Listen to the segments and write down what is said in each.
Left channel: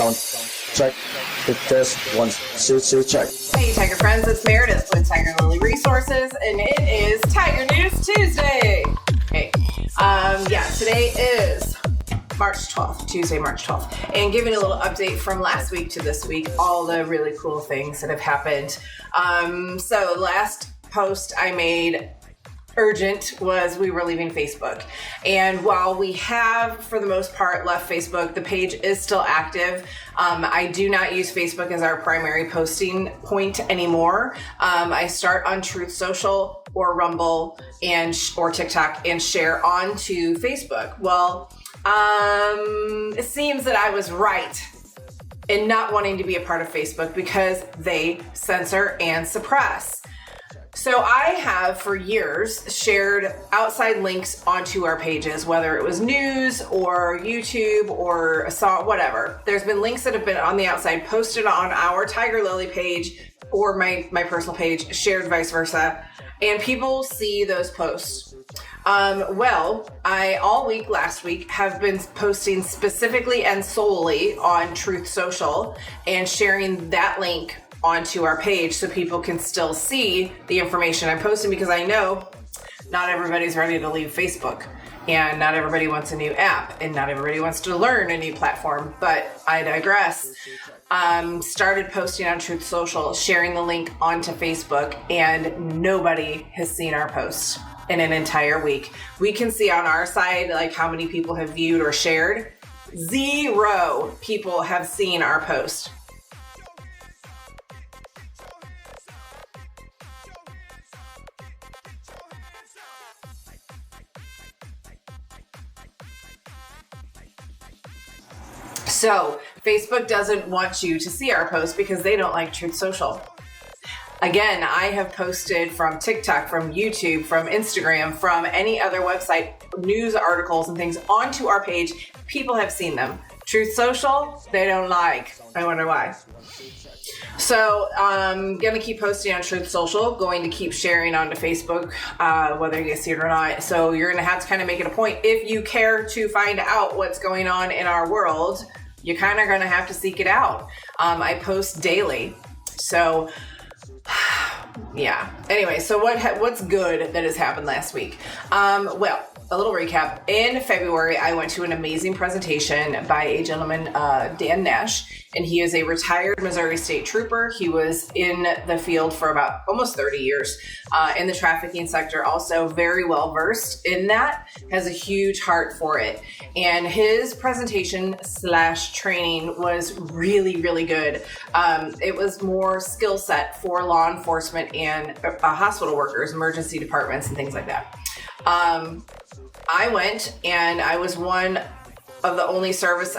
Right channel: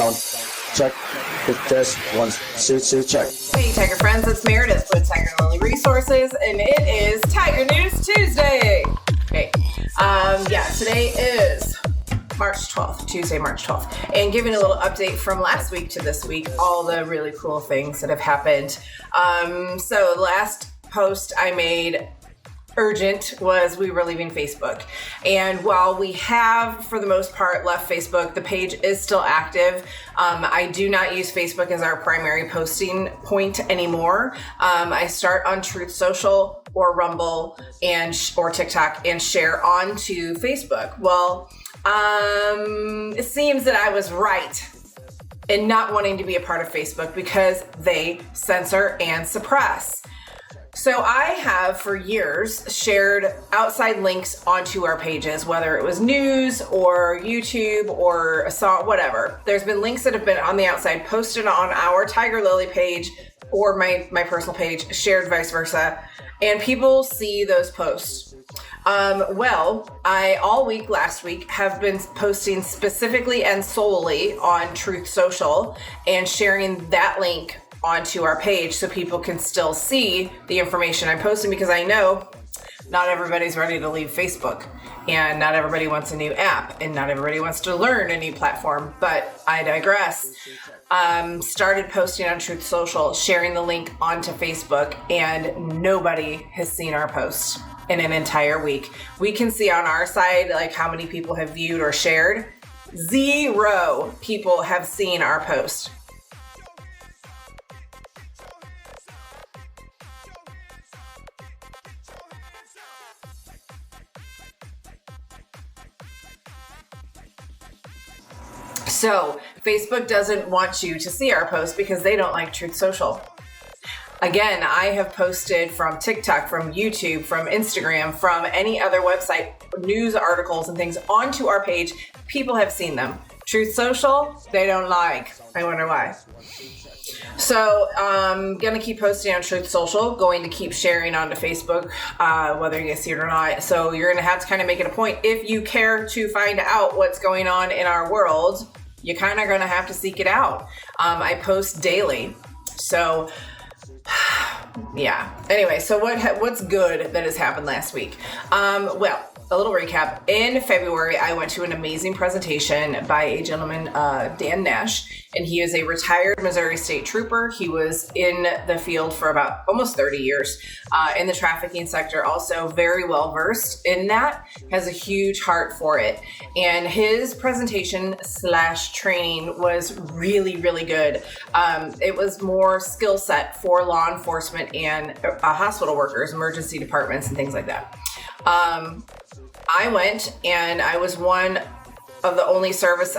Sound check. Hit test. 1, 2, check. Hey Tiger friends, it's Meredith with Tiger Lily Resources, and it is Tiger News Tuesday. Hey, today is March 12th, Tuesday, March 12th, and giving a little update from last week to this week, all the really cool things that have happened. So last post I made urgent was we were leaving Facebook, and while we have for the most part left Facebook, the page is still active. I do not use Facebook as our primary posting point anymore. I start on Truth Social or Rumble or TikTok and share onto Facebook. Well, it seems that I was right in not wanting to be a part of Facebook because they censor and suppress. So I have for years shared outside links onto our pages, whether it was news or YouTube or a song, whatever. There's been links that have been on the outside posted on our Tiger Lily page or my personal page, shared vice versa, and people see those posts. I all week last week have been posting specifically and solely on Truth Social and sharing that link onto our page so people can still see the information I'm posting, because I know not everybody's ready to leave Facebook and not everybody wants a new app and not everybody wants to learn a new platform, but I digress. Started posting on Truth Social, sharing the link onto Facebook, and nobody has seen our post in an entire week. We can see on our side like how many people have viewed or shared. 0 people have seen our post. So Facebook doesn't want you to see our posts because they don't like Truth Social. Again, I have posted from TikTok, from YouTube, from Instagram, from any other website, news articles and things onto our page. People have seen them. Truth Social, they don't like. I wonder why. So I'm going to keep posting on Truth Social, going to keep sharing onto Facebook, whether you guys see it or not. So you're going to have to kind of make it a point. If you care to find out what's going on in our world, you kind of going to have to seek it out. I post daily. So yeah. Anyway, so what's good that has happened last week? A little recap. In February, I went to an amazing presentation by a gentleman, DanNash, and he is a retired Missouri State Trooper. He was in the field for about almost 30 years in the trafficking sector, also very well versed in that, has a huge heart for it. And his presentation / training was really, really good. It was more skill set for law enforcement and hospital workers, emergency departments, and things like that. I went and I was one of the only service,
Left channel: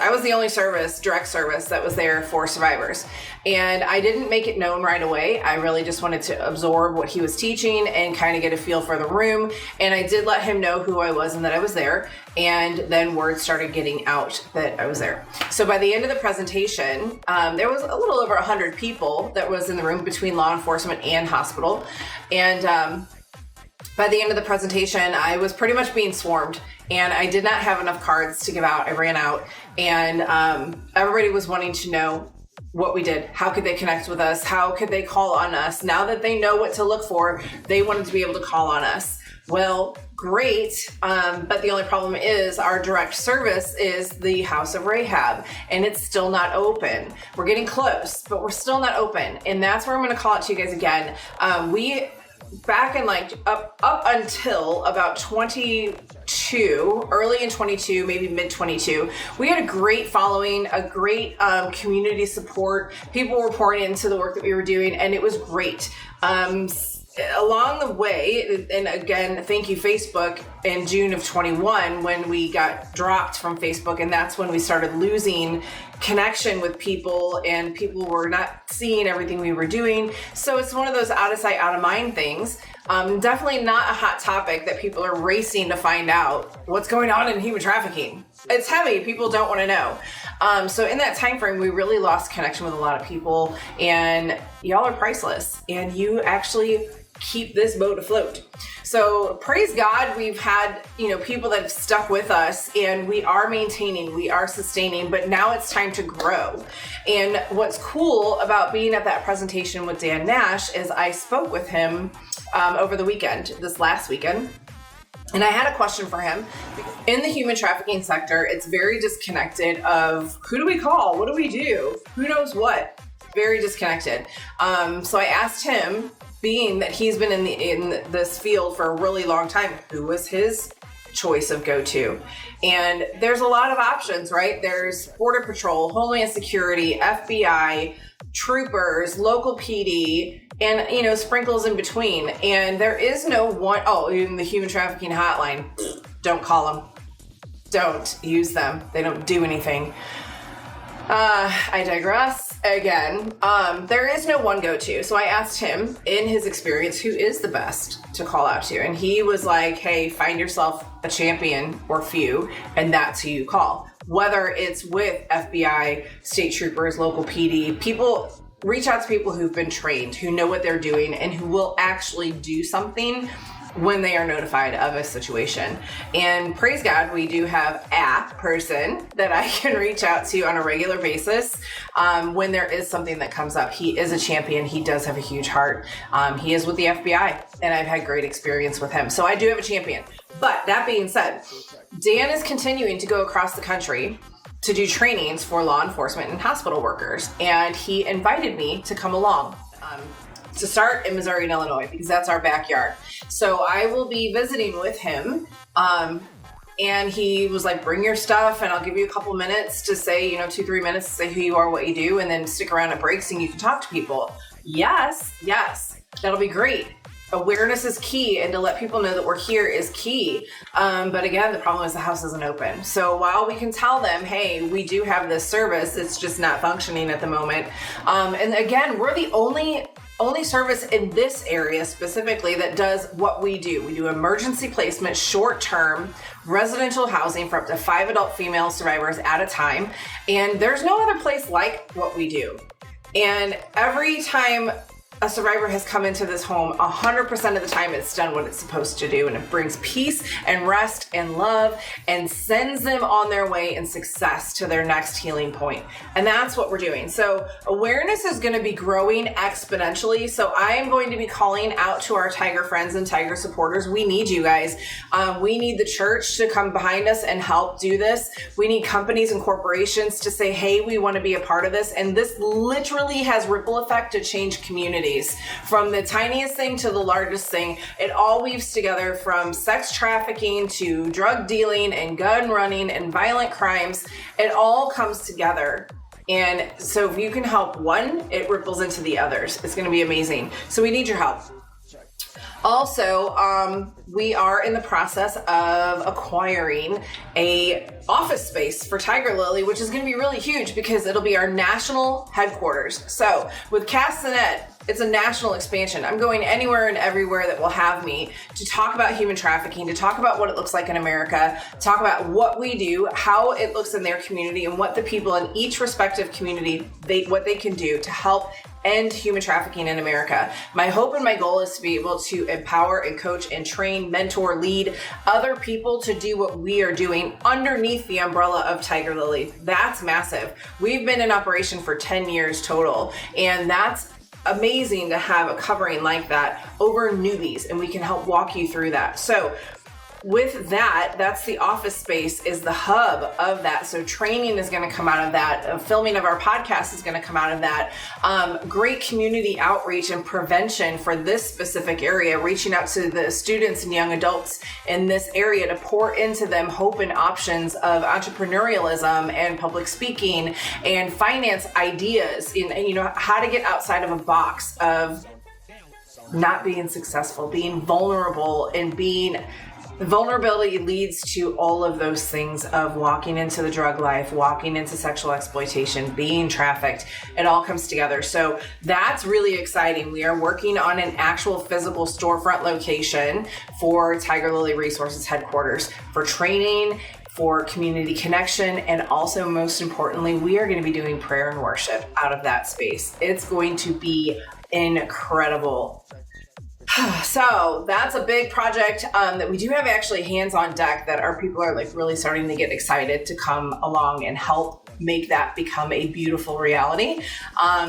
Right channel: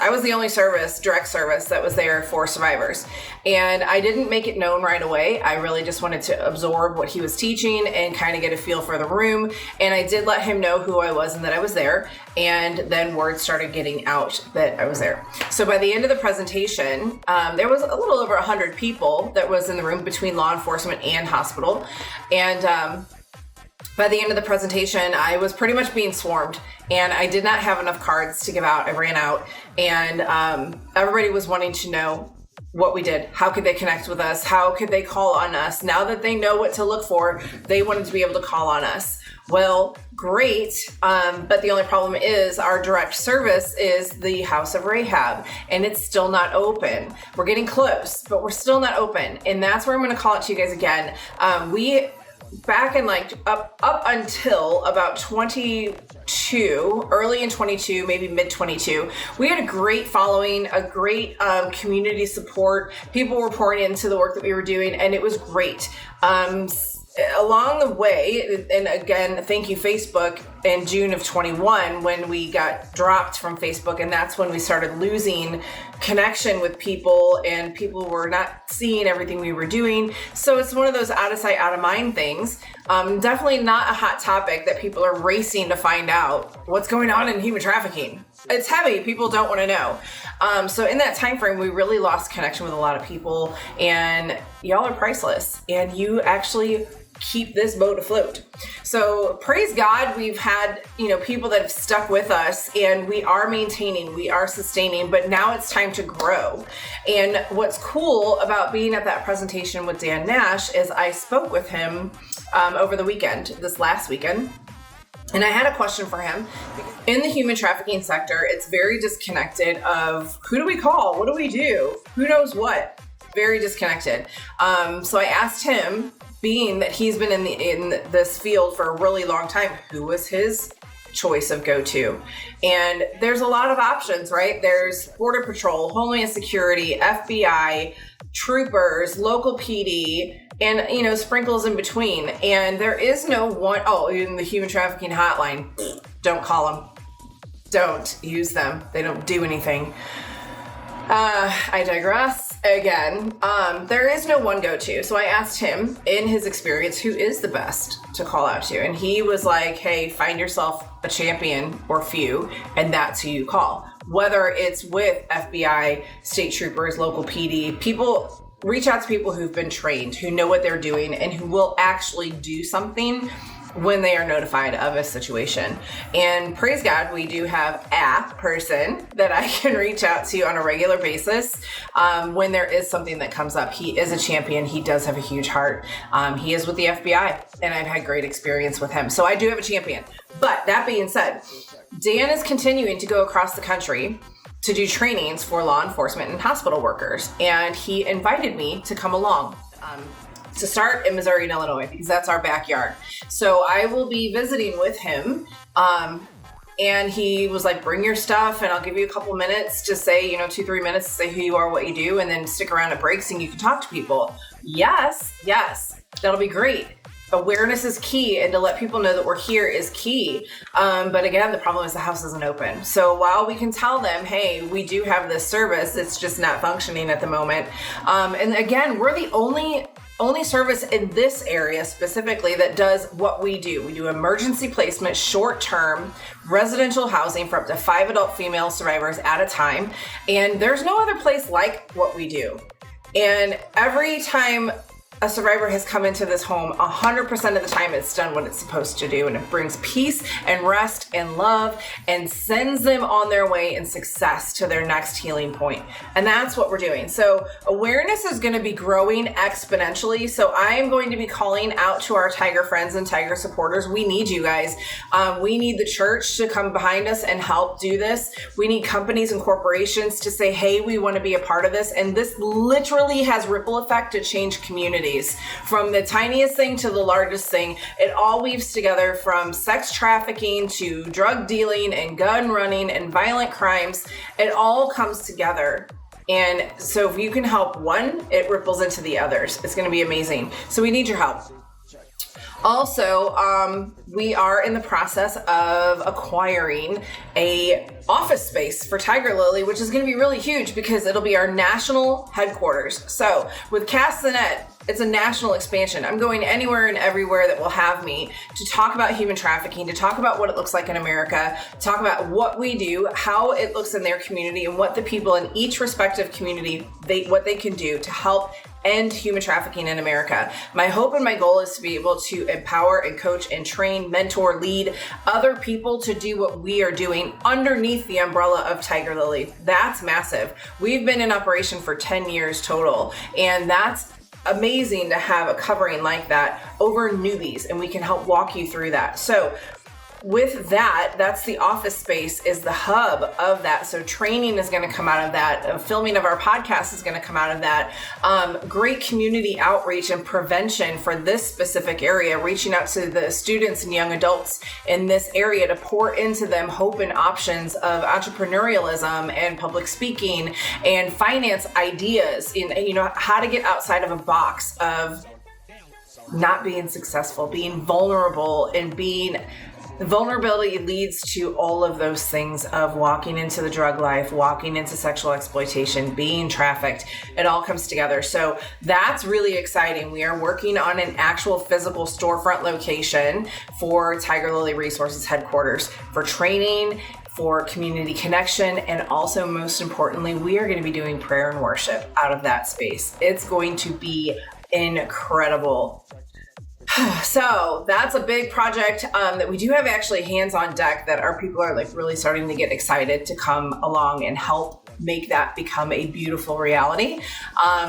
direct service that was there for survivors. And I didn't make it known right away. I really just wanted to absorb what he was teaching and kind of get a feel for the room. And I did let him know who I was and that I was there. And then word started getting out that I was there. So by the end of the presentation, there was a little over 100 people that was in the room between law enforcement and hospital. And, by the end of the presentation, I was pretty much being swarmed, and I did not have enough cards to give out. I ran out, and everybody was wanting to know what we did. How could they connect with us? How could they call on us? Now that they know what to look for, they wanted to be able to call on us. Well, great, but the only problem is our direct service is the House of Rahab, and it's still not open. We're getting close, but we're still not open, and that's where I'm going to call it to you guys again. Back in up until about 22, early in 22, maybe mid 22, we had a great following, a great community support. People were pouring into the work that we were doing, and it was great. Along the way, and again, thank you, Facebook, in June of 21, when we got dropped from Facebook, and that's when we started losing connection with people, and people were not seeing everything we were doing. So it's one of those out of sight, out of mind things. Definitely not a hot topic that people are racing to find out what's going on in human trafficking. It's heavy. People don't want to know. So in that time frame, we really lost connection with a lot of people, and y'all are priceless, and you actually keep this boat afloat. So praise God, we've had, people that have stuck with us, and we are maintaining, we are sustaining, but now it's time to grow. And what's cool about being at that presentation with DanNash is I spoke with him over the weekend, this last weekend. And I had a question for him. In the human trafficking sector, it's very disconnected of who do we call? What do we do? Who knows what? Very disconnected. So I asked him, being that he's been in this field for a really long time, who was his choice of go-to? And there's a lot of options, right? There's Border Patrol, Homeland Security, FBI, troopers, local PD, and sprinkles in between. And there is no one. Oh, in the human trafficking hotline, don't call them. Don't use them. They don't do anything. I digress again. There is no one go-to. So I asked him, in his experience, who is the best to call out to? And he was like, hey, find yourself a champion or few, and that's who you call. Whether it's with FBI, state troopers, local PD, reach out to people who've been trained, who know what they're doing, and who will actually do something when they are notified of a situation. And praise God, we do have a person that I can reach out to on a regular basis when there is something that comes up. He is a champion. He does have a huge heart. He is with the FBI, and I've had great experience with him. So I do have a champion. But that being said, Dan is continuing to go across the country to do trainings for law enforcement and hospital workers. And he invited me to come along. To start in Missouri and Illinois, because that's our backyard. So I will be visiting with him. And he was like, bring your stuff and I'll give you a couple minutes to say, 2-3 minutes to say who you are, what you do, and then stick around at breaks and you can talk to people. Yes, that'll be great. Awareness is key, and to let people know that we're here is key. But again, the problem is the house isn't open. So while we can tell them, hey, we do have this service, it's just not functioning at the moment. And again, we're the only service in this area specifically that does what we do. We do emergency placement, short-term residential housing for up to 5 adult female survivors at a time. And there's no other place like what we do. And every time a survivor has come into this home, 100% of the time it's done what it's supposed to do, and it brings peace and rest and love and sends them on their way in success to their next healing point. And that's what we're doing. So awareness is going to be growing exponentially. So I am going to be calling out to our Tiger friends and Tiger supporters. We need you guys. We need the church to come behind us and help do this. We need companies and corporations to say, hey, we want to be a part of this. And this literally has ripple effect to change communities. From the tiniest thing to the largest thing, it all weaves together, from sex trafficking to drug dealing and gun running and violent crimes. It all comes together. And so if you can help one, it ripples into the others. It's going to be amazing. So we need your help. Also, we are in the process of acquiring a office space for Tiger Lily, which is going to be really huge because it'll be our national headquarters. So with Cast the Net, it's a national expansion. I'm going anywhere and everywhere that will have me to talk about human trafficking, to talk about what it looks like in America, talk about what we do, how it looks in their community, and what the people in each respective community, what they can do to help end human trafficking in America. My hope and my goal is to be able to empower and coach and train, mentor, lead other people to do what we are doing underneath the umbrella of Tiger Lily. That's massive. We've been in operation for 10 years total, and that's amazing to have a covering like that over newbies, and we can help walk you through that. So with that, that's the office space, is the hub of that. So training is going to come out of that. Filming of our podcast is going to come out of that. Great community outreach and prevention for this specific area, reaching out to the students and young adults in this area to pour into them hope and options of entrepreneurialism and public speaking and finance ideas, and how to get outside of a box of not being successful, being vulnerable, and being vulnerability leads to all of those things of walking into the drug life, walking into sexual exploitation, being trafficked. It all comes together. So that's really exciting. We are working on an actual physical storefront location for Tiger Lily Resources headquarters for training, for community connection, and also most importantly, we are going to be doing prayer and worship out of that space. It's going to be incredible. So that's a big project that we do have actually hands on deck that our people are like really starting to get excited to come along and help make that become a beautiful reality.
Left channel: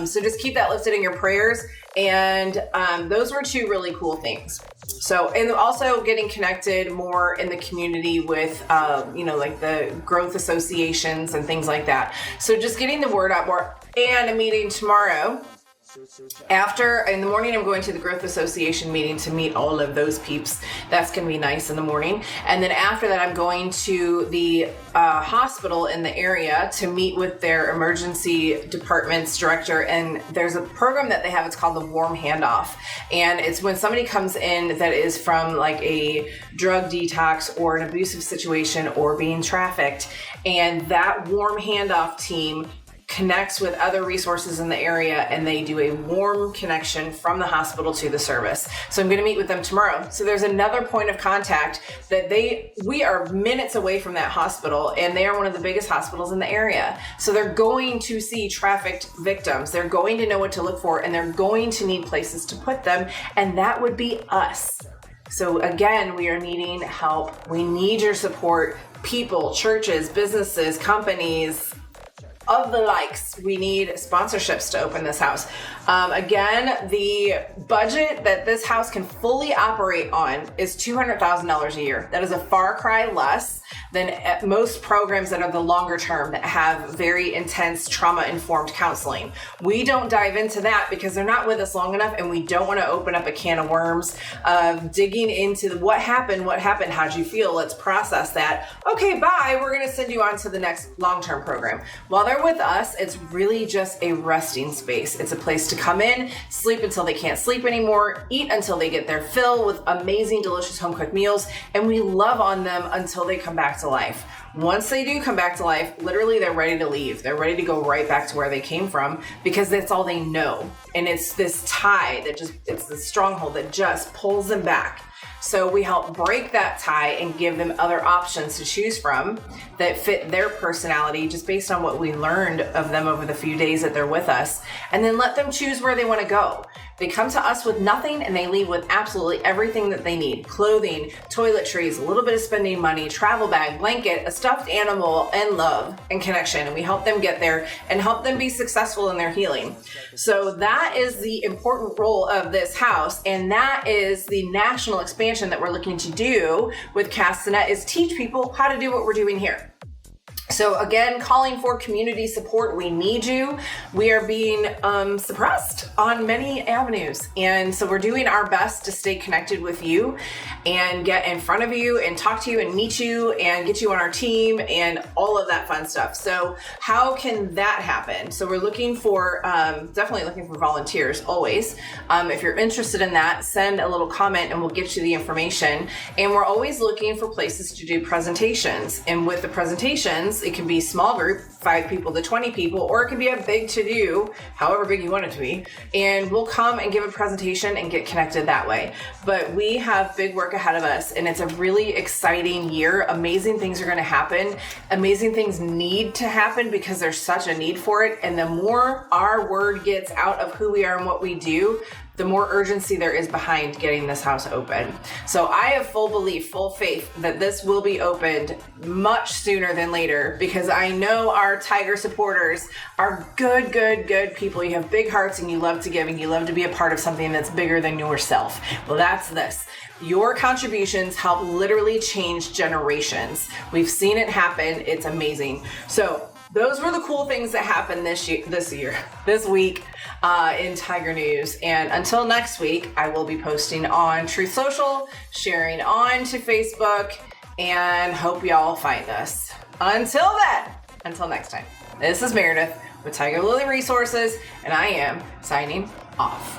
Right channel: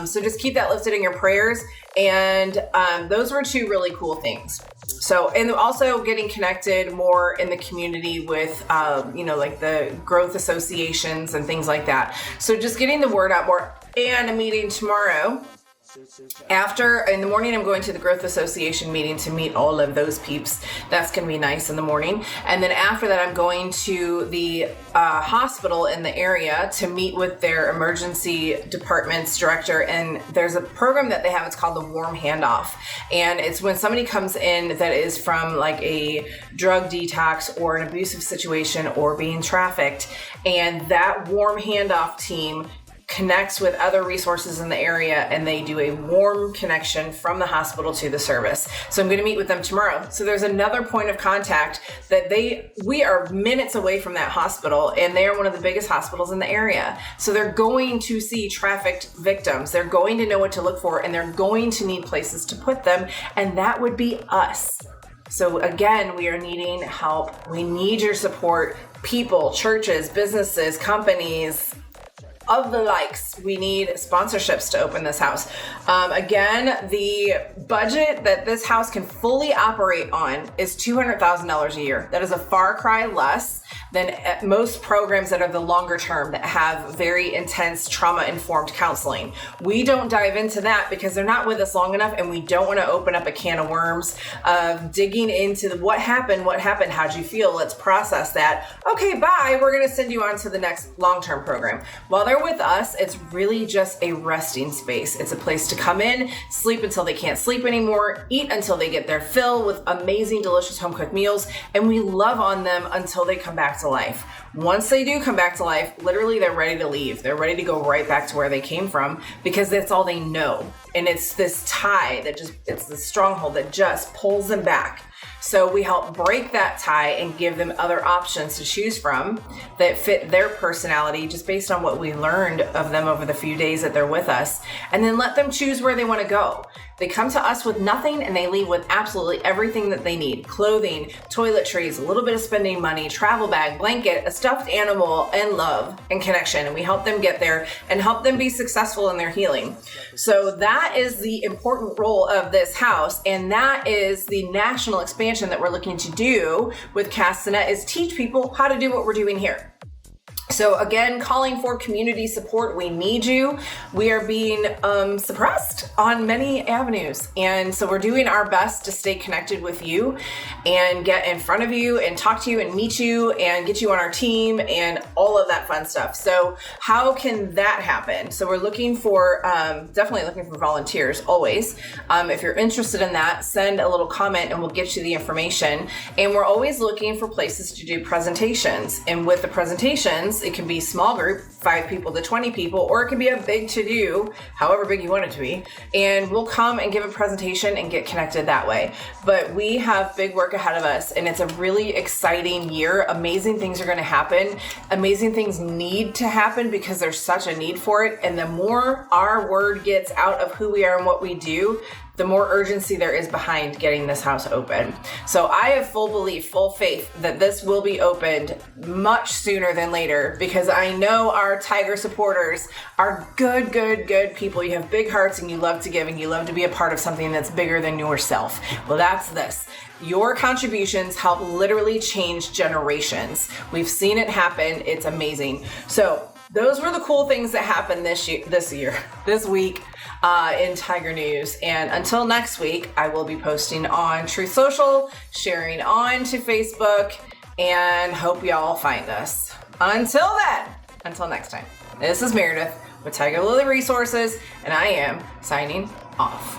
So just keep that lifted in your prayers. And those were two really cool things. So, and also getting connected more in the community with, like the growth associations and things like that. So just getting the word out more, and a meeting tomorrow. In the morning, I'm going to the Growth Association meeting to meet all of those peeps. That's going to be nice in the morning. And then after that, I'm going to the hospital in the area to meet with their emergency department's director. And there's a program that they have. It's called the Warm Handoff. And it's when somebody comes in that is from like a drug detox or an abusive situation or being trafficked. And that Warm Handoff team connects with other resources in the area, and they do a warm connection from the hospital to the service. So I'm going to meet with them tomorrow. So there's another point of contact that we are minutes away from that hospital, and they are one of the biggest hospitals in the area. So they're going to see trafficked victims. They're going to know what to look for, and they're going to need places to put them. And that would be us. So again, we are needing help. We need your support. People, churches, businesses, companies, of the likes. We need sponsorships to open this house. Again, the budget that this house can fully operate on is $200,000 a year. That is a far cry less than most programs that are the longer term that have very intense trauma-informed counseling. We don't dive into that because they're not with us long enough, and we don't want to open up a can of worms of digging into what happened, how'd you feel, let's process that. Okay, bye, we're going to send you on to the next long-term program. While they're with us, it's really just a resting space. It's a place to come in, sleep until they can't sleep anymore, eat until they get their fill with amazing, delicious home-cooked meals, and we love on them until they come back to life. Once they do come back to life, literally they're ready to leave. They're ready to go right back to where they came from because that's all they know. And it's this tie it's this stronghold that just pulls them back. So we help break that tie and give them other options to choose from that fit their personality just based on what we learned of them over the few days that they're with us, and then let them choose where they want to go. They come to us with nothing and they leave with absolutely everything that they need: clothing, toiletries, a little bit of spending money, travel bag, blanket, a stuffed animal, and love and connection. And we help them get there and help them be successful in their healing. So that is the important role of this house. And that is the national expansion that we're looking to do with Cast the Net, is teach people how to do what we're doing here. So again, calling for community support. We need you. We are being suppressed on many avenues. And so we're doing our best to stay connected with you and get in front of you and talk to you and meet you and get you on our team and all of that fun stuff. So how can that happen? So we're looking for, definitely looking for volunteers always. If you're interested in that, send a little comment and we'll get you the information. And we're always looking for places to do presentations. And with the presentations, it can be small group, 5 people to 20 people, or it can be a big to-do, however big you want it to be. And we'll come and give a presentation and get connected that way. But we have big work ahead of us, and it's a really exciting year. Amazing things are going to happen. Amazing things need to happen because there's such a need for it. And the more our word gets out of who we are and what we do, the more urgency there is behind getting this house open. So I have full belief, full faith that this will be opened much sooner than later, because I know our Tiger supporters are good people. You have big hearts and you love to give and you love to be a part of something that's bigger than yourself. Well, that's this. Your contributions help literally change generations. We've seen it happen. It's amazing. So those were the cool things that happened this week in Tiger News. And until next week, I will be posting on Truth Social, sharing on to Facebook, and hope y'all find us. Until then, until next time, this is Meredith with Tiger Lily Resources, and I am signing off.